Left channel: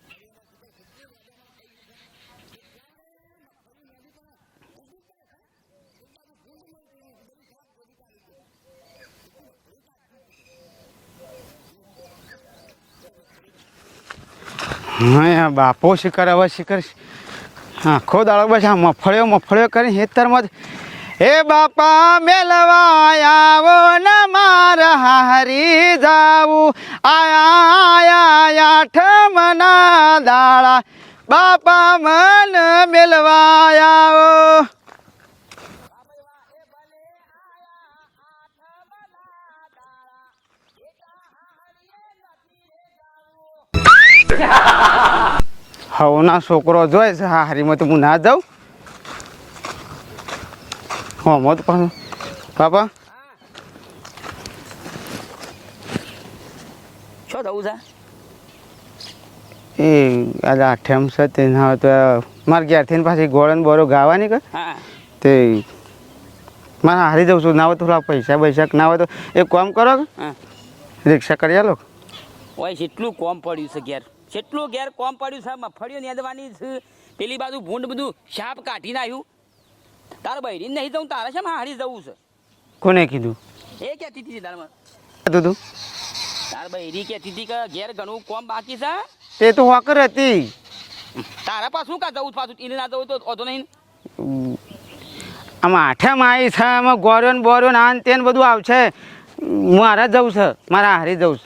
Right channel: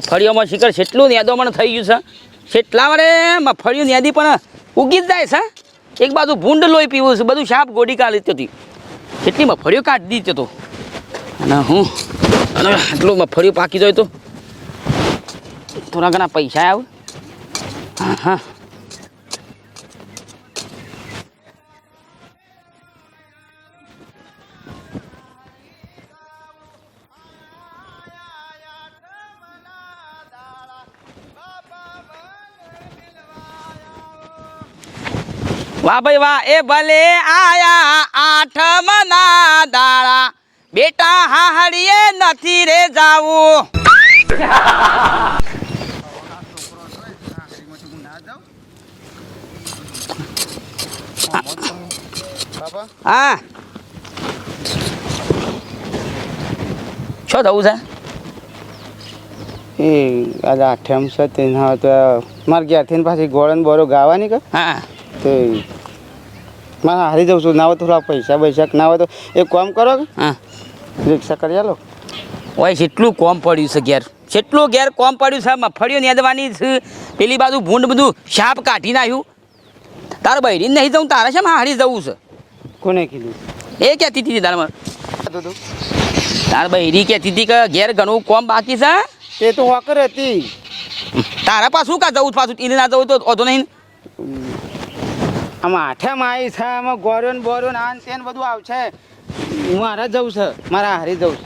મગફળીઓમાં શિખર છેટલું નેદો મને થઈ ગયું છે છેટલા વડે મગફળીઓ નેદી પણ ઉગી જ જાય છે. એક બાજુ ભૂંડ લોહી પીવું છે બધું સાપ ગોડી કાઢી હતી. કેટલી મગફળીઓ કાઢી દીધી તો. અને હું અને આટલું મગફળીઓ પાકી જાય તો. હા બાપો પૈસા મફળ્યો મફળ્યો કરી હેતરમાં જ હે બાપા મેલવા આવો ને માર હારી જાવું આયા આયા આઠમના દાળા બાપા મન મેલવા આવો. વાહ ભાઈ વાહ એ ભલે આયા આઠમના દાડા. બેટા હાહડીએ નથી રે જાવું. હવના છોકરો જોઈ છે હારીમાં તો હું ના જાઉં. હા મોત કહું બાપા હા શું થવું છે એ આજે આઠમ છે તેના તો મારે ઘેરથી પાછી ગોળન બોરો ગાવાની કે હા તે મારે હારી જઉં છું ના હોય તો થોડા પૈસા પૈસા ના હોય તો એક કામ કરો કે હા રિક્ષા કરી આલો ઓય કેટલું કોમ પડ્યું છે ઘેર કેટલું ઘેર કોમ પડ્યું છે મફળીઓ નેદવાની છે પેલી બાજુ ભૂંડ બધું સાપ કાઢી નાખ્યું તારે બૈરી નહીં જવું તારે છે હારી જવું છે? કોને કીધું? એ કહેતી હતી તારે કીધું તું. તાર બૈરી કહેતી હતી કે ઘેર ઘણું કોમ બાકી છે તે તો વાકર હતી. તારા પાછું કા જવું છે પાછું? એને ના જવું તો ઓધો નહીં આમાં આઠે માઈ છે આમાં ગોર્યો ને બોર્યો ને આન તેન બધું આવશે. હું મારે જવું છે મારા હારે જવું છે.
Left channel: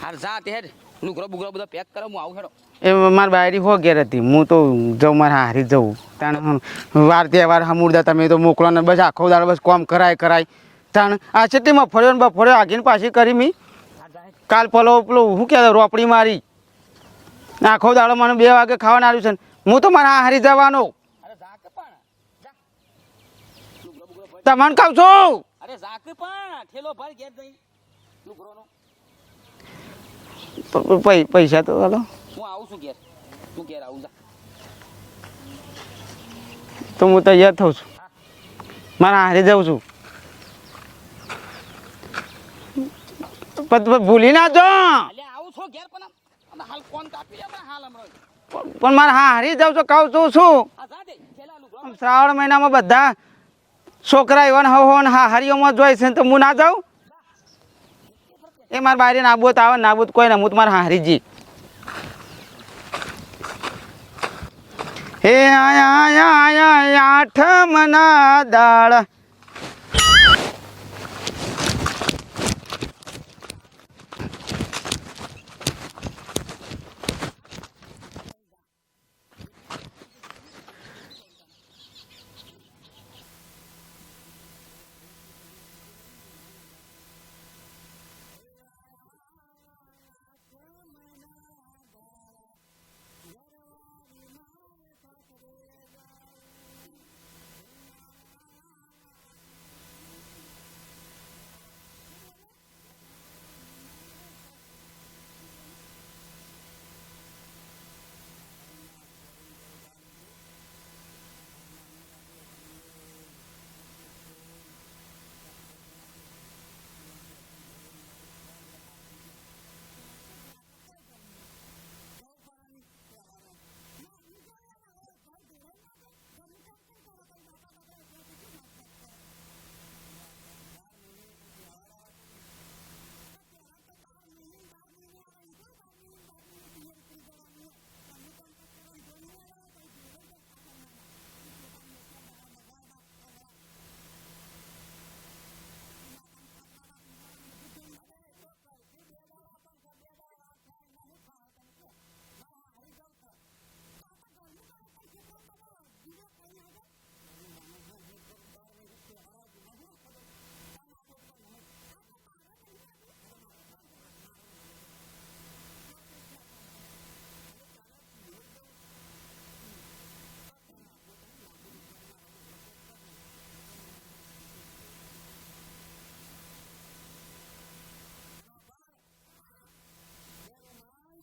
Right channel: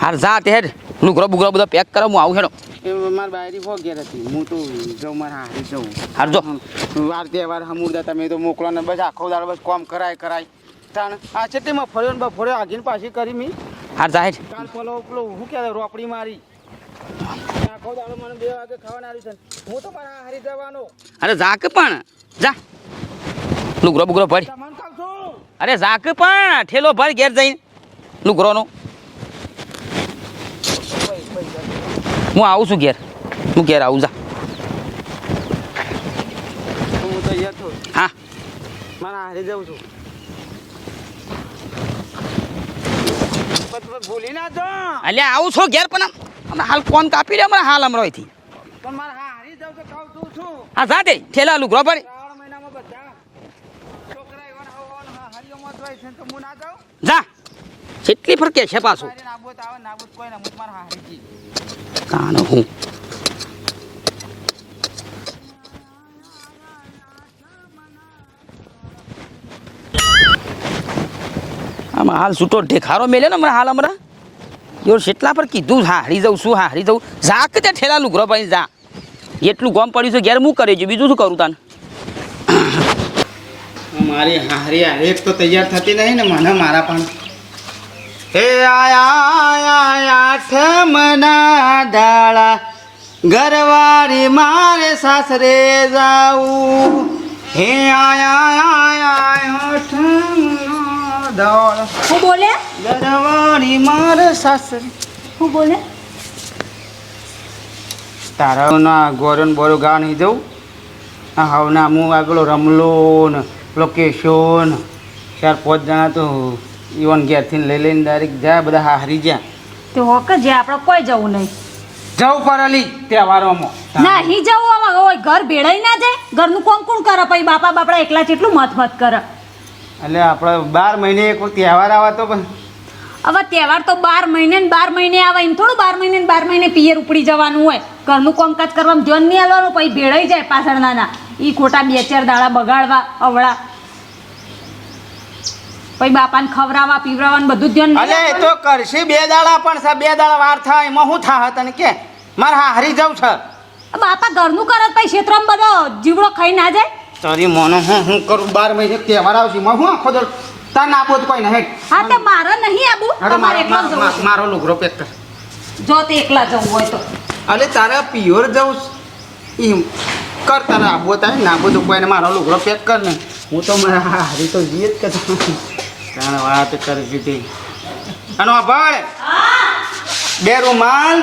હાર જા તે હેડ લુગરો બધા પેક કરો હું આવું હેડો. એ મારી બાયરી હો ઘેર હતી. હું તો જઉં મારે હારી જઉં. વાર તહેવાર હમુરદા તમે તો મોકલો ને બસ આખો દાડો બસ કોમ કરાય કરાય. તાણ આ છેટીમાં ફર્યો ને બફોર્યો આગીને પાછી કરી મી. હાર જાહેર કાલ પલો પેલું શું કહેવાય રોપડી મારી. આખો દાડો મને બે વાગે ખાવાનું આવ્યું છે હું તો મારા હારી જવાનો. અરે જાક પણ. જા. લુગરો બુગરો ભર. તમને કહું છું. અરે જાક પણ. ઠેલો ભર ઘેર જઈને. લુગરોનો. પૈસા તો હું આવું છું ઘેર. હું ઘેર આવું જા. તો હું તૈયાર થઉં છું. હા. મારા હારી જાઉં છું. પણ ભૂલી ના જો અલ્યા આવું છો ઘેર પણ હમણાં હાલ ફોન કાપી દે હમણાં હાલ અહીંથી પણ મારે હા હારી જાઉં છું કહું છું શું? હા સાથે તે ઠેલા લુગરો ભર શ્રાવણ મહિનામાં બધા છોકરા એવા હવ હોન હા હારીઓમાં જોઈ છે તો હું ના જાઉં? જા. કેટલી ફરકે છે મારા બારી નાબૂદ આવે નાબૂદ કોઈ ના હું તો મારા હારી જી તાનો હું. હે આયા આયા આયા આઠમના દાળ. આમ હાલ છૂટો ઢેખારો મેલે ને હમણાં હાલ હમણાં. જો શેટલા પર કીધું હારી જાઉં શું હારી જઉં. જા કે ત્યાં ઠેલા લુગરો ભાઈ જા એટલું ગોમ પડ્યું છે ઘેર હું કરી છું? બીજું શું કરું તાને? મારી હારી હારી તો તૈયાર થતી નહીં ને મને મારા પણ. હે આયા આયા આઠમના દાળા ઘરવાળી મારે સાસરે જાવું. હે આયા આઠમના દાળા હું બોલે? ઘરવાળી મારે સાસરે. હું બોલે? તારા ના ગોરન બોરો ગા નહીં જવું આ હવના હું આ પેલો રમલો ને પેલો કેશો ને ચાર પાંચ જણા તો ઈવન ઘેરથી લઈ લઈને ડાયરેક્ટ જાય બધા હારી ગયા તે હોક જે આપણે કોઈ જવું નહીં. જવું પડેલી તહેવારોમાં. નહીં જવું આમાં હોય ઘર ભેળાઈ ના જાય ઘરનું કોણ કોણ કરે પછી બાપા બાપડા એકલા કેટલું મત મત કરે. એટલે આપણે બાર મહિને એક તહેવાર આવે તો પણ હવે તહેવાર તો બાર મહિને ને બાર મહિને આવે એમ થોડું બાર મહિને ને બાર મહિને પિયર ઉપડી જવાનું હોય. ઘરનું કામકાજ કરવામાં જન નહીં આવવાનું પછી ભેળાઈ જાય પાછળ નાના. એ ખોટા બે ચાર દાડા બગાડવા અવળા. પછી બાપાને ખવડાવવા પીવડાવવાનું બધું ધ્યાન અલે એ તો કરશે. બે દાડા પણ છે બે દાડા વાર થાય એમાં શું થાય તને કે? મારે હા હારી જાઉં છે. બાપા ઘરનું કરે તો પછી ક્ષેત્રમાં બધો જીવડો ખાઈ ના જાય? તારી મોનો હું હું કરું? બાર મહિને તહેવાર આવશે એમાં હું આખો દર તાર ના બોધ કોઈ નહીં. હા તે મારે નહીં આબુ. અરે તમારે મારો એકલા જવું મારો લુગરો પેક કર. જો તે એકલા જવું હોય તો. અલે તારા પિયોર જવું એમ કર તારા આબો તારે ના બધું કોઈને મારો લુગરો પેક કર ને. હું તો મારા હારી તો જીએ જ કે તારા વાત કરી દીધી. આનો ભાળ બે રૂમાલ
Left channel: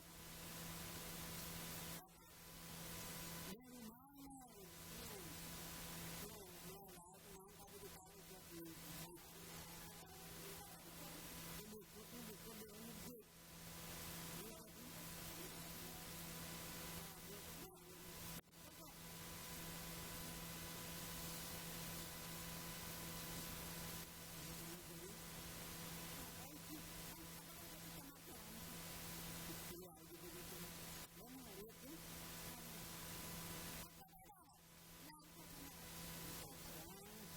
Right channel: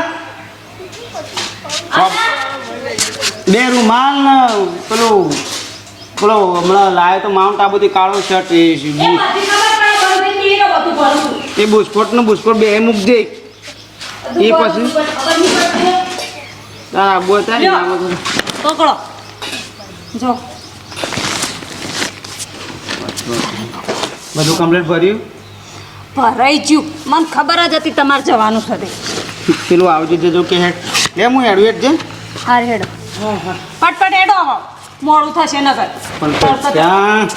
બે રૂમાલ ને પેલું પેલો હમણાં લાવ્યો તો માઉન્ટ આબુથી કાળો શર્ટ એ એ બુસ્કોટનું બુસ્કોટ બે મૂકજે એ પછી? તારા આબુ હતા ને પકડો. જો. બધું કમ્પ્લીટ ભર્યું? ભરાઈ ગયું. મને ખબર જ હતી તમારે જવાનું છે પેલું આવજો જજો કે હેડ લે હું હેડું હેડ જે. હાર હેડો. ફટફટ હેડો મોડું થશે નગર પણ ત્યાં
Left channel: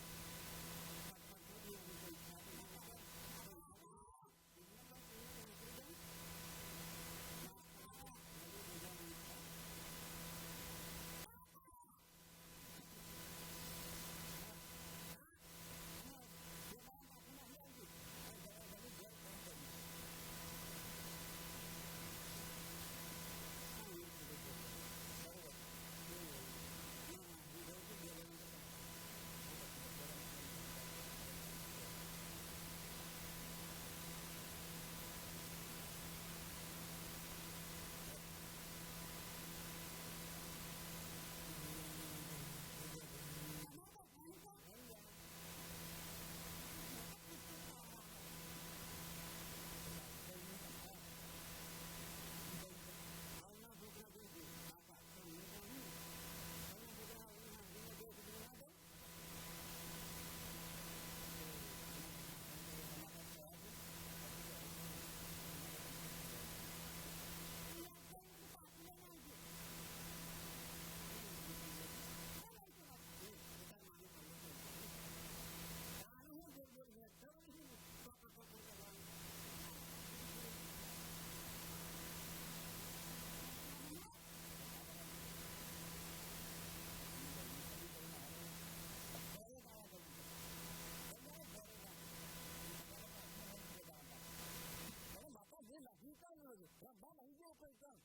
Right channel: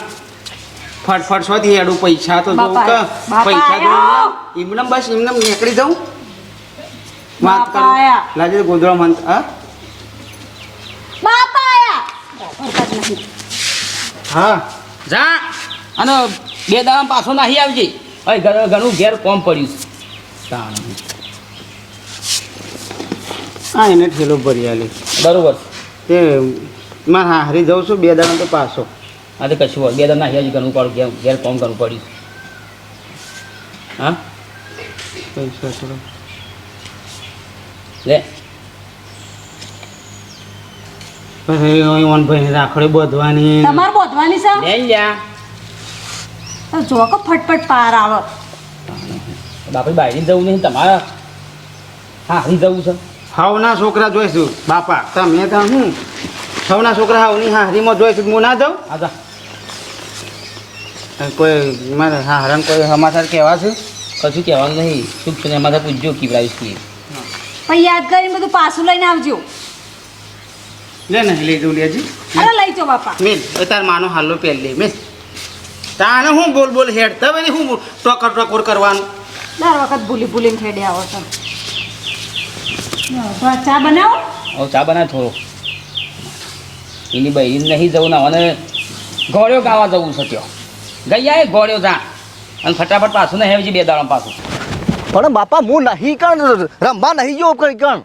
ફટફટ શોધી હેડું. પૈસા તો જોઉં કે. પૈસા. જોઉં. એમને બસ એમને નીકળી દઉં વાત બાપા કરું આયા. લાગે ગોદડો મન હા? બાપા આયા હા. જા. અને બે દાડા પાછો નાહી આવજે. હવે ઘણું ઘેર કોમ પડ્યું. હા એને ઠેલો ભરી આલી. બરોબર. તે મારે હા હરી જાઉં છું બે દાડા તો પાછો. હા તો કશું હોય. બે દાડા નાહી આવજે ઘણું ઘેર ઘેર કોમ કરવું પડ્યું હા? પૈસા થોડો. લે. પછી ઓન ભાઈ રાખડે બોધવાની. તમારે બોધવાની છે? લે લ્યા. તો જો કે ફટફટ પાર આવે. બાપા બાયરી જવું નહીં તમારે હા હું જવું છે. હાવના છોકરા જોઈશું બાપા તમે તો હું? સૌના છોકરા હાવની હારીમાં જોઈશું હું ના જાઉં? હા કોઈ મારે હા હરણ કોઈ સમાચાર કહેવા છે? કશું કહેવાનું નહીં શુભ છે એમાં પૂછજો કીવડાવીશ કે પછી યાદ કરીને બધું પાછું લઈને આવજો. લે ને લઈ જવું લેજી અરે લઈ જાઓ બાપા. મેલ એ તાર માનો હાલો પહેલી મેં મેલ. તાને હું બોલ બોલ હેડ? તમે શું હું ટોકર ટોકર કરવાનું? દર વખત ભૂલી ભૂલીને ખેડી આવો છો. ચા બનાવો? હવે ચા બનાવ થોડો. એની બહેરી નહીં જવું ના અને ગોળ્યો ગાવા જવું છે ત્યો. ગઈ એ ગોળ્યો જા. અને ફટાફટ પાછું ને હેવજી બે દાડા પાછું. પણ બાપા હું નહીં કણ રમવા નહીં જો કઈ કણ.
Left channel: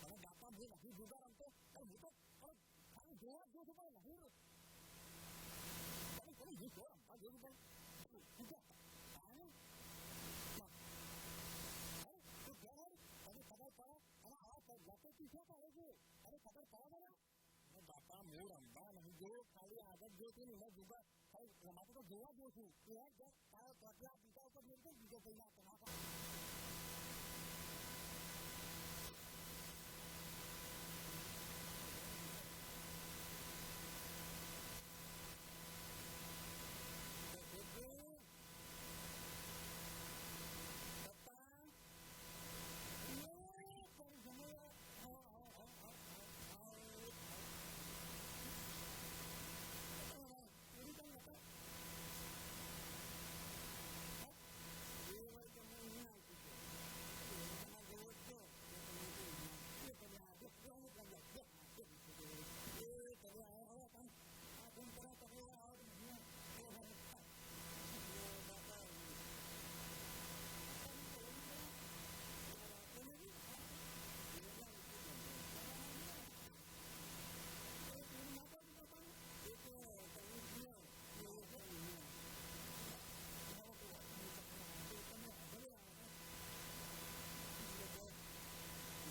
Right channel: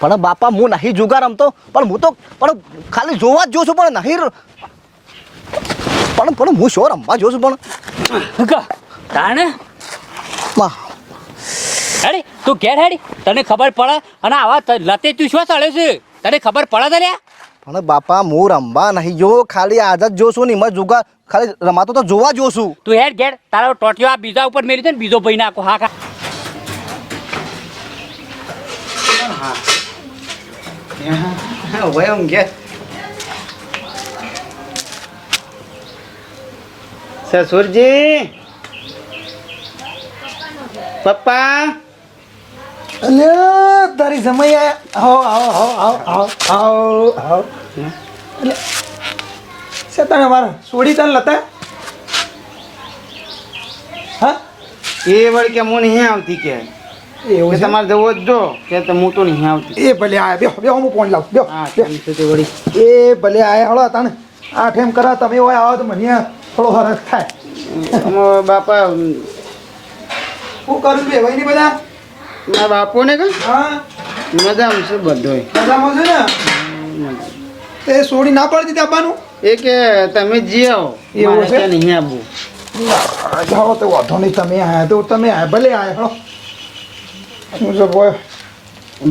પણ બાપા હું નહીં જુગાર રમતો પણ હું તો પણ ખાલી જોવા જ જોઉં છું પણ નહીં પણ પણ હું શું રમવા જોઉં છું પણ. તાણે. હેડી તું ઘેર હેડી તને ખબર પડે અને આવા લતે તું શું ચાલે છે? તને ખબર પડે તને? પણ બાપા હું રમવા નહીં જો ખાલી આદત જોશું ને એમાં જુગાર ખાલી રમાતો તો જોવા જોશું તું હેડ ઘેર તારો ટોટિયો આ બીજા ઉપર મેળી છે ને બીજો ભાઈ નાખો હા ખા હા હું ઘેર સસુરજી પપ્પા? અલે તારી સમય આવો આવો આવો આવો આવો આવો એટલે છે તને મારા સોડી તને લતા? હા? એ વળી કે હું નહીં આવતી કે. એવું છે? તમારે જવો જ જો કે હું તો નહીં આવતી. એ ભલે આયા બેહો બેહો હું ફોન લાવું વળી. એ ભલે આયા હળો તને આઠ એમ કરા તમે હોય આવો તો મને થોડો હરસ થાય. બાપા હું કરું બે ભાઈ બધા? મારા બાપોને કે? હા. મજામાં છે બધોય. મજામાં છે ને? એ સોડી ના પડતી દીધી એ કે તમે જીઓ એવું છે? નહીં આવું જાઓ તો વાંધો નહીં તમે આયા તો તમે આયા ભલે આયા હળો. હું જો બોય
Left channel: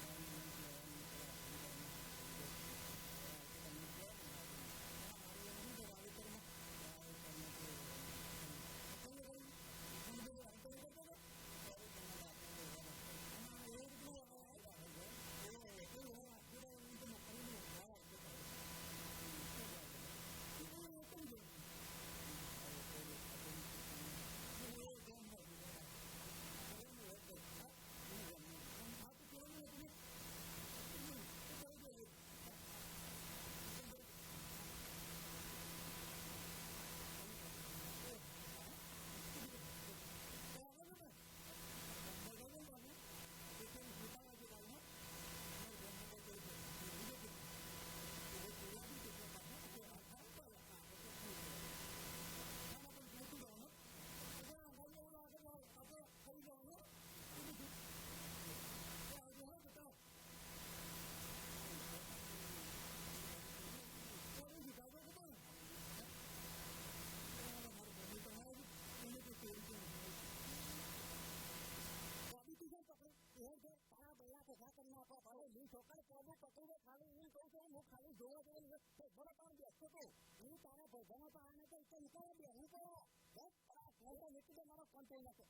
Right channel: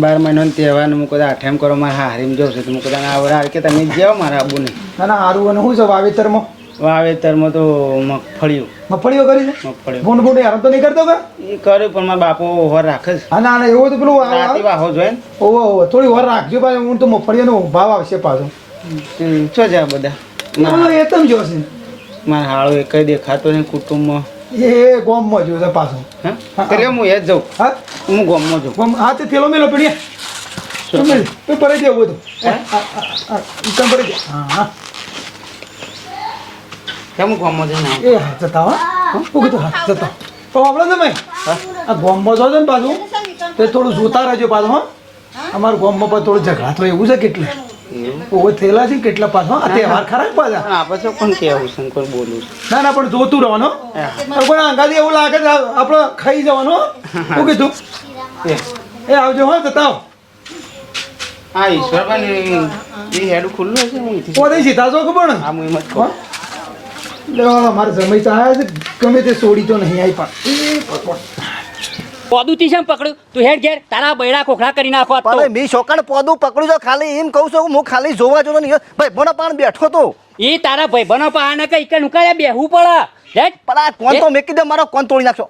બાર મહિનાનો તહેવાર હું કદાચ આઠેમ કરો મારે હારીમ જવું છે તો હું કદાચ આવડે. કે તમે જાઓ મારા આબુ ના ના સારું અને શું છે વાવેતરમાં? વાવેતરમાં તો મગફળીઓ. મગફળીઓ કરી છે? મગફળીઓ. ફોન ફોટો યાર તો નહીં કરતો કે? એ કર્યું પણ મારા બાપો ઓવર રાખે છે. હા ના ના એવું તો પેલું રાતે વાહો જોઈએ ઓહો ઓહો થોડી વાર રાખજો પાછું હું તો મગફળીઓનો ભાવ આવશે પાછો. શું છે બધા. એ તમ જોશે. મારા હાળો એક દેખાતો નહીં કુટુંબમાં. એ ગોમમાં જો પાછો. હા? હા. એટલે હું એ જ જાઉં. હા? હું ગોમમાં જાઉં. ગોમ હા તે પેલો મેલો પડી તો પડી દેવું બધું. હા? હા હા તમ પડી દે હા હા. કેમ ગોમમાં જઈને? એ હા જતા હા. હું. કીધું હા જતા તો આપણે તમે? આ ગોમમાં જો છો ને પાછું? તે થોડું જોતા રહેજો પાછું હો. અમારા ગોમમાં પણ થોડું ઝઘડા તો એવું છે કેટલે. એવું થયેલા છે કેટલા પાછો? આ તહેવાર ખરા પાછા? પણ આપણે કોણ કહેવું શંકર બોલું છું? ના ના પણ જોતું રહેવાનું પણ આંગાથી એવું લાગે છે આપણે ખાઈ જવાનું શું કીધું? એ. એ આવજો હો જતા આવો. હા ઈશ્વરભાઈ એ હેડું ખુલ્લું હશે હું પોતે સીધા છો ખબર હા હું એમ જ કહું. એટલે મારે સમય તો આવ્યા છે ગમે તે સોડી તો નહીં આવી પણ. પોદું તી છે પકડ્યું? તું હેડ ઘેર તારા બૈડા કોખડા કરી નાખો તો. પણ મેં શોકાણ પોદું પકડ્યું છે ખાલી એમ કહું છું હું ખાલી જોવા જોતો નહીં. ભાઈ મને પાણ બેઠો તો. એ તારા ભાઈ બનો પાને કઈ કે નુકાયા બેહવું પડે. હેટ પણ આ કોણ તો? મેકી દે મારો કોણ તોડી નાખશો?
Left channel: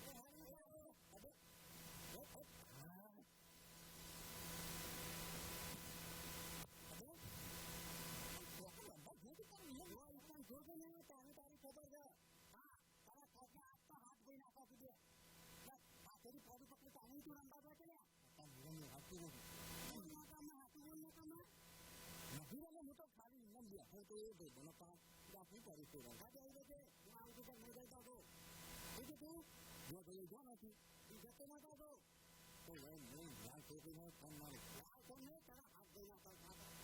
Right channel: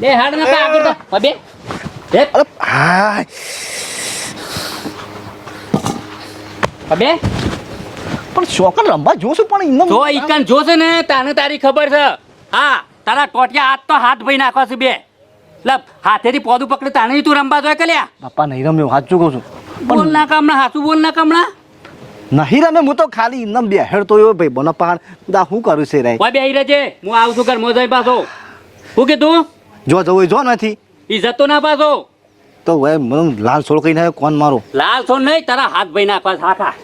લે હાડ ના પા આગળ તો. બે. હેટ અરે હાય. હવે પણ શોકર રમવા જોશું પણ એમને તો ઈકન જોશે ને તાને તારી ખબર છે. હા તારા ટોટિયા હાથ તો હાથ ભાઈ નાખવા છે બે. લે હાથેથી પોદું પકડે તાને તું રમવા જોઈએ કલ્યા બાપા નહીં રમ્યો સાચું કહું છું. બોલ ના કામણા સાચું બોલ ના કામણા નહીં રમે હું તો ખાલી ઇન્દમ બેહેડ તો એવો ભાઈ બોના પહાડ દા હું કરું છે રે ઓય બેહી રહેજે. હું આવું છું ઘર મોજાઈ પાછો. શું કીધું? જો જવું જો નથી. ઈ જતો ના પાછો. તો હવે મને લાલ છોડ કઈ ના કોણ મારો? લાલ છોડ નહીં તારા હાથ ભાઈ નાખવા હાથા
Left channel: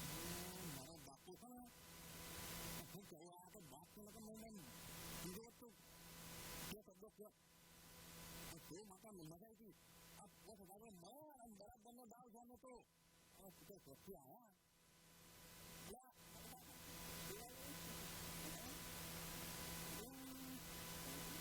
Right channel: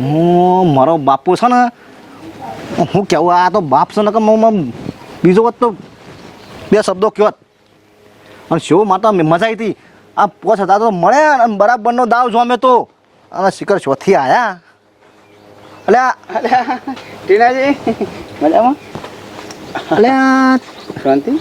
હું મારો બાપુ છે ને હું કેવું આ તો બાપ છે ને કે હું- હું બીજો વખત તો બે શબ્દો જ. અને શો માટે મજા આવી હતી. આ પોચ હતા તો મળ્યા અને બરાબરનો દાવ જોમે તો. અને શિખર શોથી આવ્યા અલે ટીનાજી મજામાં? અલે શાંતિ?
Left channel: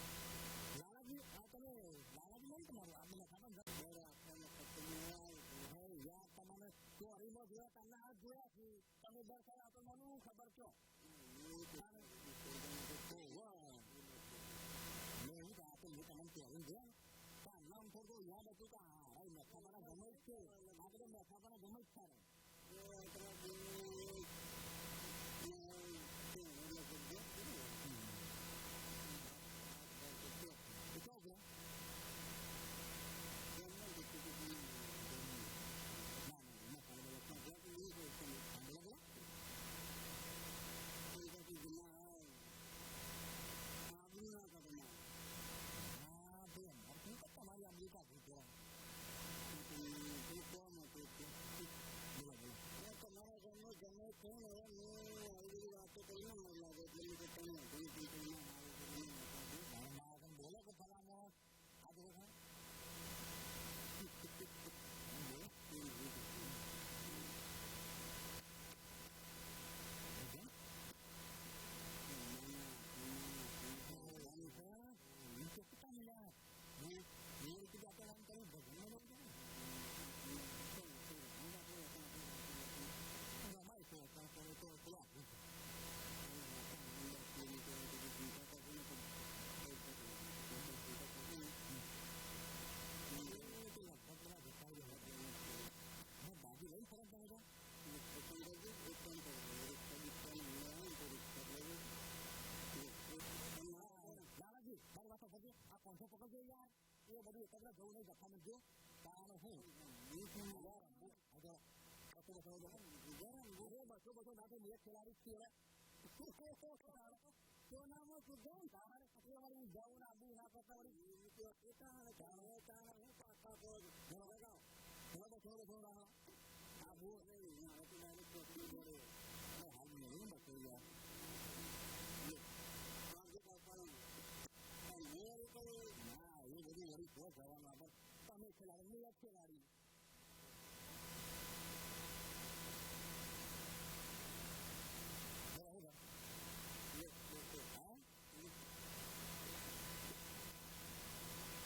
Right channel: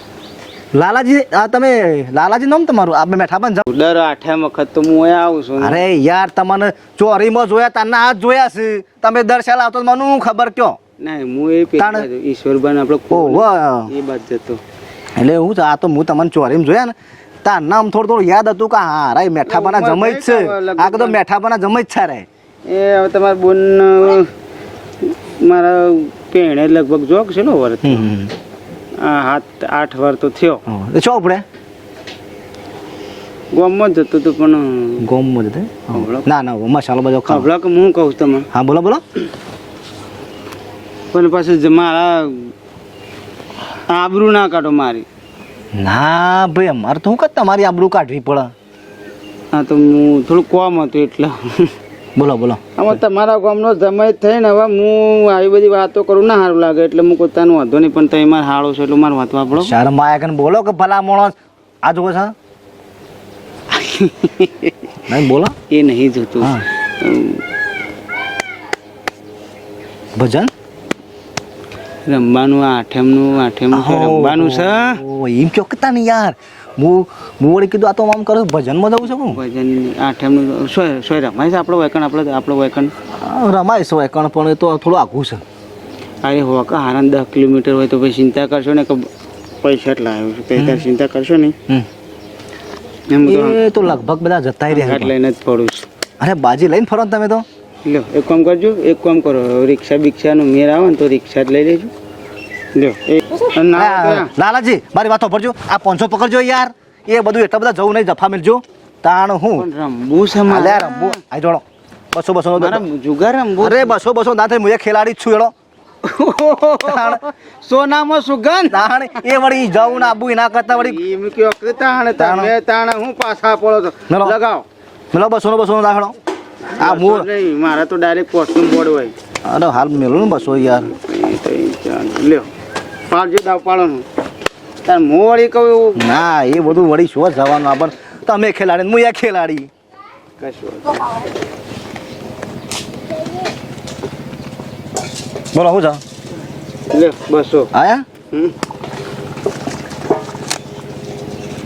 લાલાજી આ તમે લાલાજી નામ તમારું? આપણે પણ જાઉં દર આઠે વખત તો હું આવું છું. અરે યાર તમને ચોરીમાં જોયા તારના હાથ જોયા છે. તમે દર્શાલ આવતો તો મને હું ખબર કયો? નહીં હું એ પેલા ઈશ્વરભાઈ આપણે એ બાદ જતો એટલે હું છે આ તો હું તમને ચોરીમાં જોયા ને તાર નામ થોડું થોડું યાદ હતું કે હા રે મેઠાપાના જમે જ છે. આ તો મેઠાપાના જમે જ છે રે એ હવે તમારા બોન મારા પેણે લગભગ જોક છે નો વર્ષ આ હાથ આઠ વાર તો થયો. તો ચો આપણે? ગોમમાં જ જતો હતો પણ ગોમમાં જતે ના ના મસાલો બધો ખાવ. કે હું કહું તમે હા બોલો બોલો. પણ પાછું મારા આબરૂ ના કાઢો મારી. ના ભાઈ અમારે તો હું કદ તમારી આબરૂ કાઢવી પડે. હા તો હું થોડું કોમ હતું એટલે. બોલો બોલો. આમાં તમારા ગામનો જમાઈ થઈને હવે હું આવી બધી વાતો કરું ના સારું લાગે એટલે હું પોતાનું વાંધો નહીં પણ તમે મારે હાળો છો એટલે મારે વાત વાપરો શરમ આયા કે બોલો કે ભલા માણસ. આ જોવો છે. નહીં બોલો. એ નહીં જોતું. ભજન? રમવાનું આઠમનું આઠમનું છે, રમવાનું છે. એમ કયો કે તાને યાર હું હું વળી કીધું આ તો આમ કરું ભજનમાં જવું છે ભજન આઠમનું સોય સોય રમાય છે આપણો વેકણ આપણો આપણો વેકણ? રમાય છે વેકણ પણ એ તો થોડું આઘું છે. અરે હો કે હારાન દસ કિલોમીટર હોય તો પછી ચિંતા કરશો ને કે પૈસા એટલા આવ્યો છે. ત્યારે ચિંતા કરશો નહીં. એમ તો એ તો લગભગ બધા જતા રહ્યા લઈને જ પડું છું. અરે બાજી લઈને ફરો ને તમે તો. લ્યો એક કામ કરજો એક કામ કરો. રિક્ષા બિક્ષાનો મેર આવે ને તો રિક્ષા જ લઈ લેજો. લ્યો એ ના હોય લાલાજી મારી વાતો પડજો આ પાંચસો પકડજો યાર. એ બધું એટલા બધા જવું નહીં જફા મેળજો. તાણ હું. રમવું છે મારે. રમવું આ જોડો. બસો બસો નો જુગાર રમવું અરે બસો બસો ના થાય હું એ ખેલાડી જ છું એડો તાણ. સોનામાં સુગંધ તાણ એ વળી જવું ના આબુ એના કરતા વળી. એમ કયો તાણે તાણે હું પાછા પડો મેલો. મેલો બસો નો બસો નો દાખલો આ મૂળ. નહીં મારા તો ડાયરેક્ટ પોસ્ટનું બોર્ડ હોય. અરે હાલ મેલો ને બસો યાર. લ્યો પાડજો દાવ પાડવાનું. તાર મો વળી કહું ના એ બધું વળી શું જવાનું આપણ તમે ખેલાડી હું યા ખેલાડી. કશું બોલો હું નહીં. લ્યો બસો. આયા.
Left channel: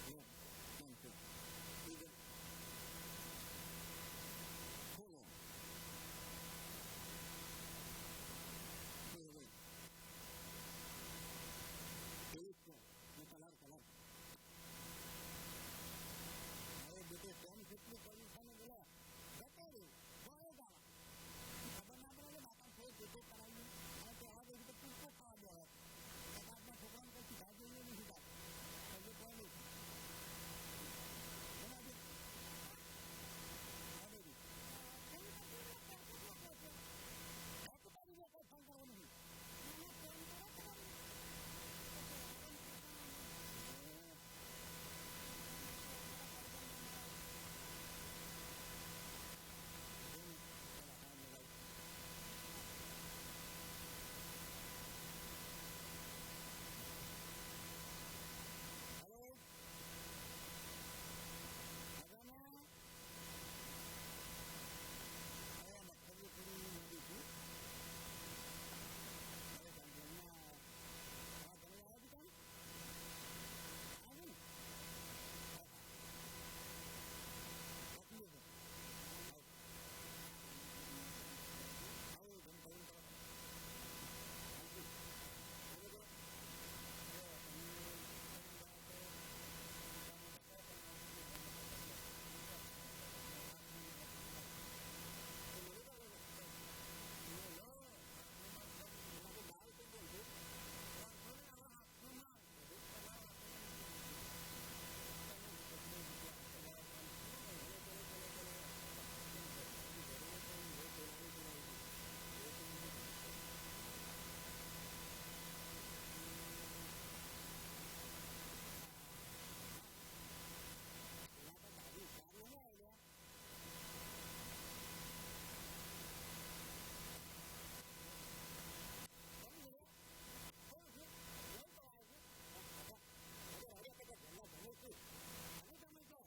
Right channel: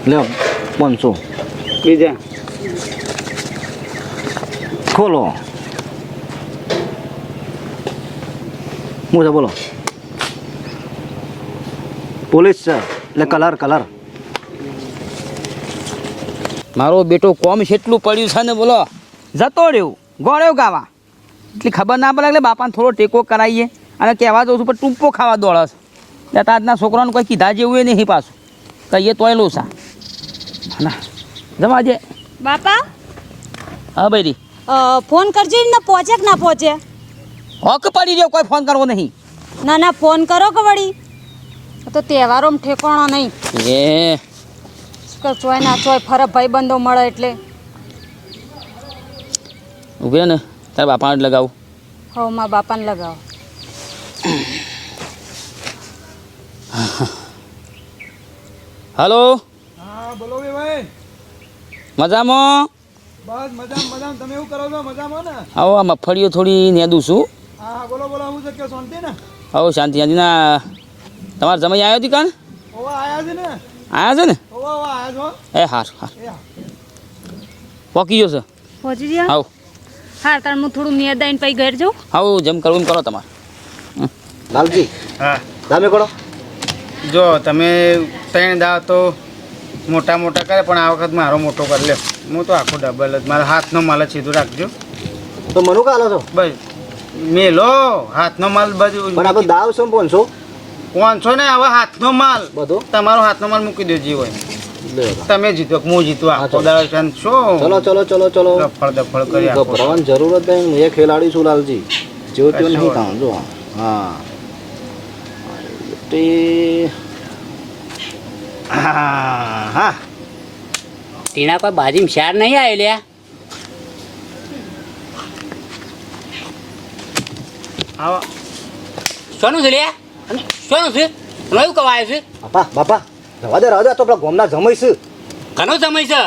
લ્યો પાંચસો. બીજા. ખોલો હું છે બોલો પોલીસ છે એટલે કલર કલર મારો બેટો કોમ કેટલું પડ્યું છે ને બોલો. જતો રહ્યો. ગોળ્યો ગાવા. એટલી ખબર ના પડે એટલે બાપાને થોડો ટેકો કરાવીએ અને કહેવા દઉં છું પણ ટૂંપો ખાવા દોડે છે. એટલે આજના છોકરાને કોઈ કીધા જેવું એ નહીં પાછું. કહીએ તોય લોસા ના જવા જે. બાપા? હા ભાઈ ફોન કરજો ને પહોંચે કે ના પહોંચે? હોક પડી રહ્યો કોઈ ફોન કરવો નહીં. ના ના ફોન કરો કે વળી? તો તહેવારોમાં ઠેકોણો નહીં. એ. ચોય ના ચોય ફરક ભાઈબંધો મળે એટલે. ઉભે ને તારા બાપાને લગાવું. હવ મા બાપાને લગાવો. હલો. હા બોલો ભાઈ. મજામાં? બસ મજામાં મજામાં. તમે એવું કરો છો? મજામાં ને? આવો આ મગફળીઓ થોડી નેદું છું. હા હા બોલો બોલો હું છે? કે શાંતિ ને? આવો શાંતિ શાંતિના તમારે જમાઈ આવ્યો હતી કાન? ઓવા આયા છે ને? આવ્યા છે ને? ઓવા ઓવા આયા છો? એ હાર હાર. હા. પોકી ગયો છે પહોંચી ગયા? આવો. હા તાર હું થોડું આવીને પછી ઘર જાઉં? હા જેમ કરવું એમ કરો તમારે. લાલજી હા. દામે કરો. જો તમે ત્રણ દા તો મોટા મોટા કરે પણ આ વખત મારો મોટો કરી લે. હું તો આખો ડબલ જ મારા હાથનો માલ જ સીધું રાખજો. તો મનુ કાલો છો? બસ. મેલો હાથનો માલ બધું. પણ આપણે દાવ શું પાંચસો પાંચસો ને હવે હાથનો માલ. બધો? તમારો હાથનો માલ મૂકી દેજો હોય. તમે જીતો હું જીતો આખો. દાડો છે ચલો ચલો ચલો ચલો. દફળ દફળ કરી ગભરાવાની જરૂર જ નહીં. એ ખેલાડી છું લાલજી. જેવો તેવો નહીં કામ જો. હા. તે હા હા ટીણા કોઈ બાજીમાં શાર નહીં આવે લ્યા આવો. સોનું છે લ્યા સોનું છે? નયું કવાય છે? બાપા બાપા રવા દે રવા દે તો આપણા ગોમના જમાઈ છે. ઘણો સમય છે.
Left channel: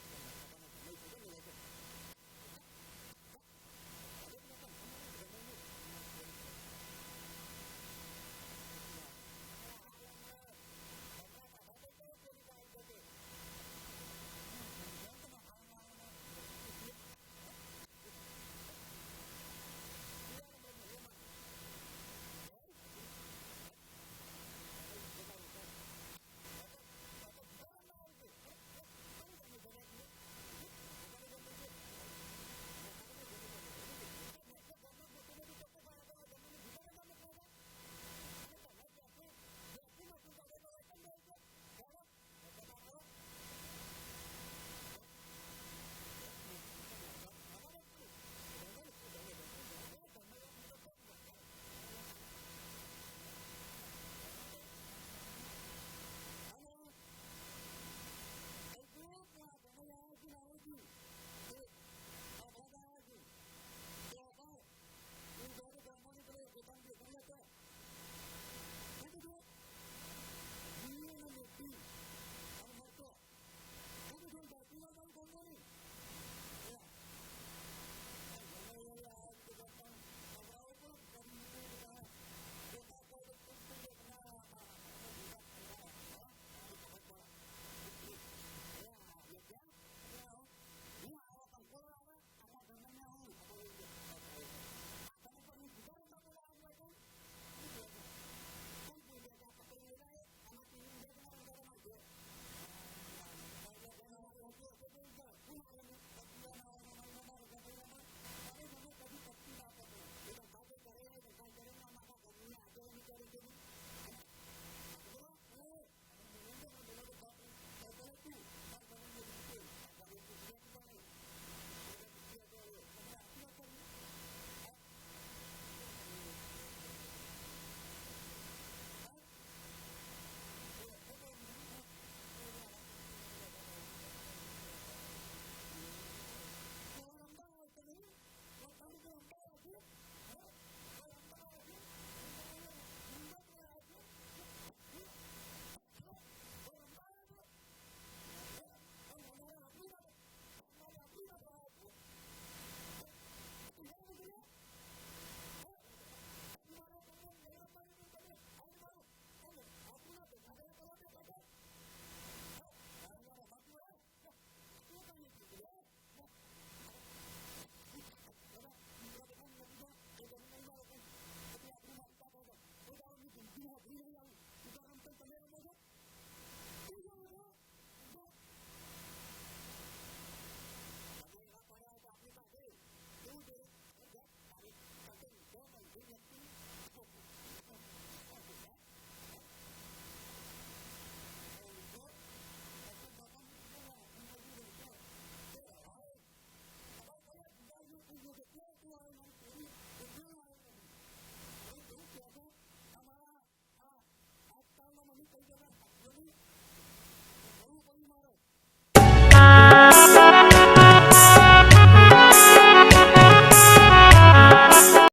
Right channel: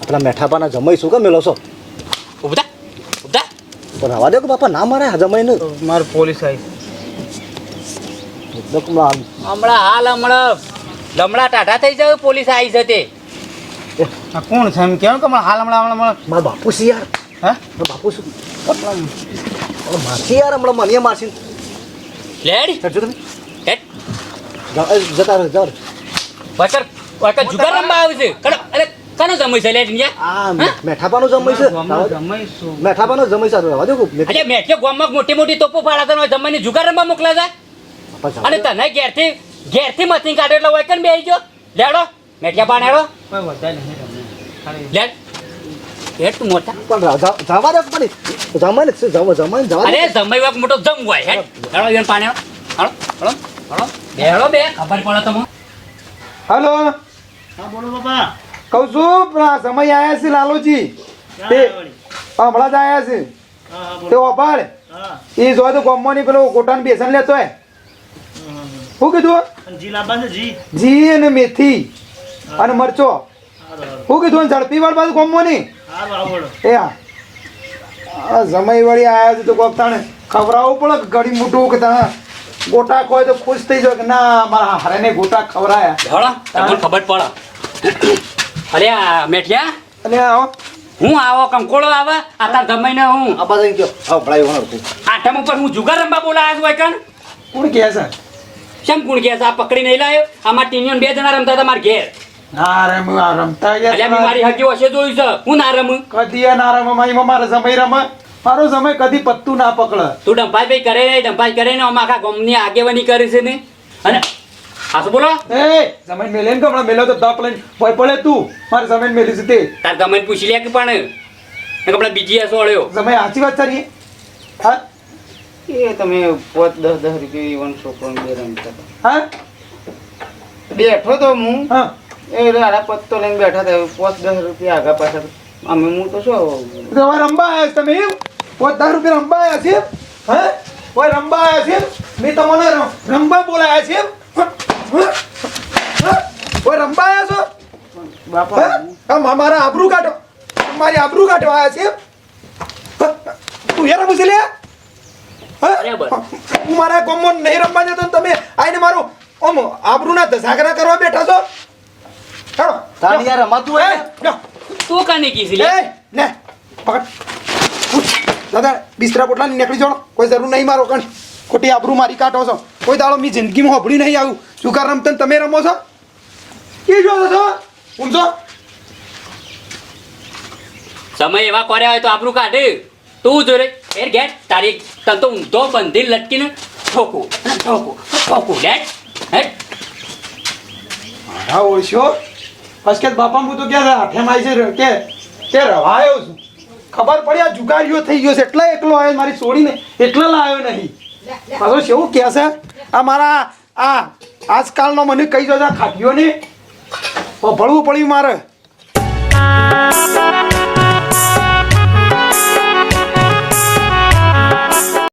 આપણા મેઠાપાના જમાઈ શું કે મેલો છો? ઉભતા ઉભતા તો રવા દે કે બાપા ના મારે આ જમાઈને મારું પોલીસ આવી. હમણાં હાલ હમણાં. લમણા ટાઢા થઈ જાય પોલીસ આવી છે તે આ કોણ છે એમ કેવું કે હમણાં હાલ હમણાં હમણાં મારા બાપુ છે યાર. હા? મારા બાપુ શું મારશે યાર હમણાં મને મારશે. લેડ. ચડજો તમે. હેટ જતા રહો જાવ રહો. વકર વકર જુગાર રમવા આવે છે. કનો અરે કનો જમય છે લેડ ઇન્ડિયા આ મેઠાપાનું જમય છે. મેઠાપાનો જમય છે રવા દે અરે મેઠે ગામમાં મોટી મોટી તોપો ફાડા તને જમવાની જુગાર રમવા મોકલા છે અને તને ઘેરથી ઘેરથી મથી કાઢો એટલે વૈકન આવી ગયો. લેડો મેઠિયા પાણેડો લેડ હેડ મોટા. પણ જવા દે પણ જવા જમાઈને જવા અરે જમાઈ મોટો જમ હોય હેડ. હેડો પાણેડો હાલો હાલો હાલો બેહડો બે ખબર પડે તમે હલો. કહું છું પણ સમય આવ્યા છે લાલુજી. તે હમણાં જ આયા છે. તે ઓપાડ એ જો તો ગોમવાની પેલો કોટાન બેસન લેતો હોય. શું કીધું? જી અને મેથી અને મરચો. શું કીધું ઝડપી વાળ બાજુ ગોમવાની એ હા. જમાઈ વળી આયા છે તો કોક તાણે ખવડાવવું પડે ઘડી મોટું કે તાણે ગોટા ખોય તો ખુશ થઈ જાય કે ના મારા હારે ને ગોટા ખવડાયા તમને ખબર પડે. અરે આ મેઠિયા? અને આવો. હું આવો કંકોળો આવે આ તાર જમાઈને હું. આ બાજુ ગયો આવ ભળાઈ આઠમ ઉપર હું જુગાર રમવા બોલાયા છું વૈકન કોણ કહે છે? કેમ કુણ કે આ પકડી નહીં લાયો? આમાં ટીનિયન બે જણા રમતા હતા મારા ઘેર. ના રમ આ રમતા એટલે મારી હકી વચ્ચે જોયું છે. હું ના રમ? કદી ના રમ મારી મારો સમય રમ. મારો સમય કદી પત્તું ના પકડે. તું ડંપાઈ ભાઈ કરે ને ડંપાઈ કરે ને આખા ગમની આગેવાની કરે છે ને? અને હા શું બોલો. એ સમય મેલે ને કમણા મેલો તો દપ લઈને. ભય પડે તું. મારે સમય મેલી છે તે. તાર ગમે પૂછી લે કે પણ? કપડા બીજી હસો અળ્યો સમય સાચી વાત તારી હા? એ તમે પોત દસ દસ રૂપિયા ઈવન છોકરો બે રમતા હા? બેઠો તો હું. એ રાડા પત્તો લઈને બેઠા હતા પોત દસ રૂપિયા આગા પાછા. અમે હું તો શું? રવા રંબા આવ્યા છે તમે પાંચ દસ રૂપિયા રંબા આવ્યા છે? હા? કોઈ રંબા આવ્યા છે મેં તમને રંબા બોલાયા છે? કોઈ રંબા આવ્યા છો? બાપા? મારા આબરૂ કાઢો. મારી આબરૂ કાઢવા આવ્યા છે તું યાર પૂછી લે હા? બરાબર. હું મારા કોમમાં નહીં રમવા જતો તમે આઈને મારું ઓમ આબરૂના ધસાગરા કરવા બેઠા છો? ચાલો તારી યાર રમાતું હે ને? તું કાને કીધી લે. ને લે, પકડ. દાદા બિસ્તરા પોટલા નીકળી જાઓ. કોઈ જરૂર નહીં મારો કણ. ખોટી આબરૂ મારી કાઢો છો. કોઈ દાડો મી જિંદગીમાં હોભળી નહીં આવ્યું. જુગાર રમતા ને તમે રમો છો? કે જો છો. ઊંચો સમય એવા કર્યા હોય તો આપણું કાઢે. તું જો રે એર ગેટ. તારી તન તો ઊંધો બંધી લટકીને ઠોકું. અને ઠોકું. ઠોકું. લેટ હેટ હા ઓળશ્યો અસ્કેત બાપા હું તો ક્યાં હાથેમાં આવી છે, કે તે રવાયો છું. ખબર પડી, આ જુગારીઓ થઈ ગયો છે. એટલે એકલો આવ્યો મારી છોડીને એટલા લાવ્યો નહીં. પાછો શું કહે છે? આ મારા આ આજકાલનો મને કહી દો ખાટ્યો ને ભળવું પડ્યું મારે.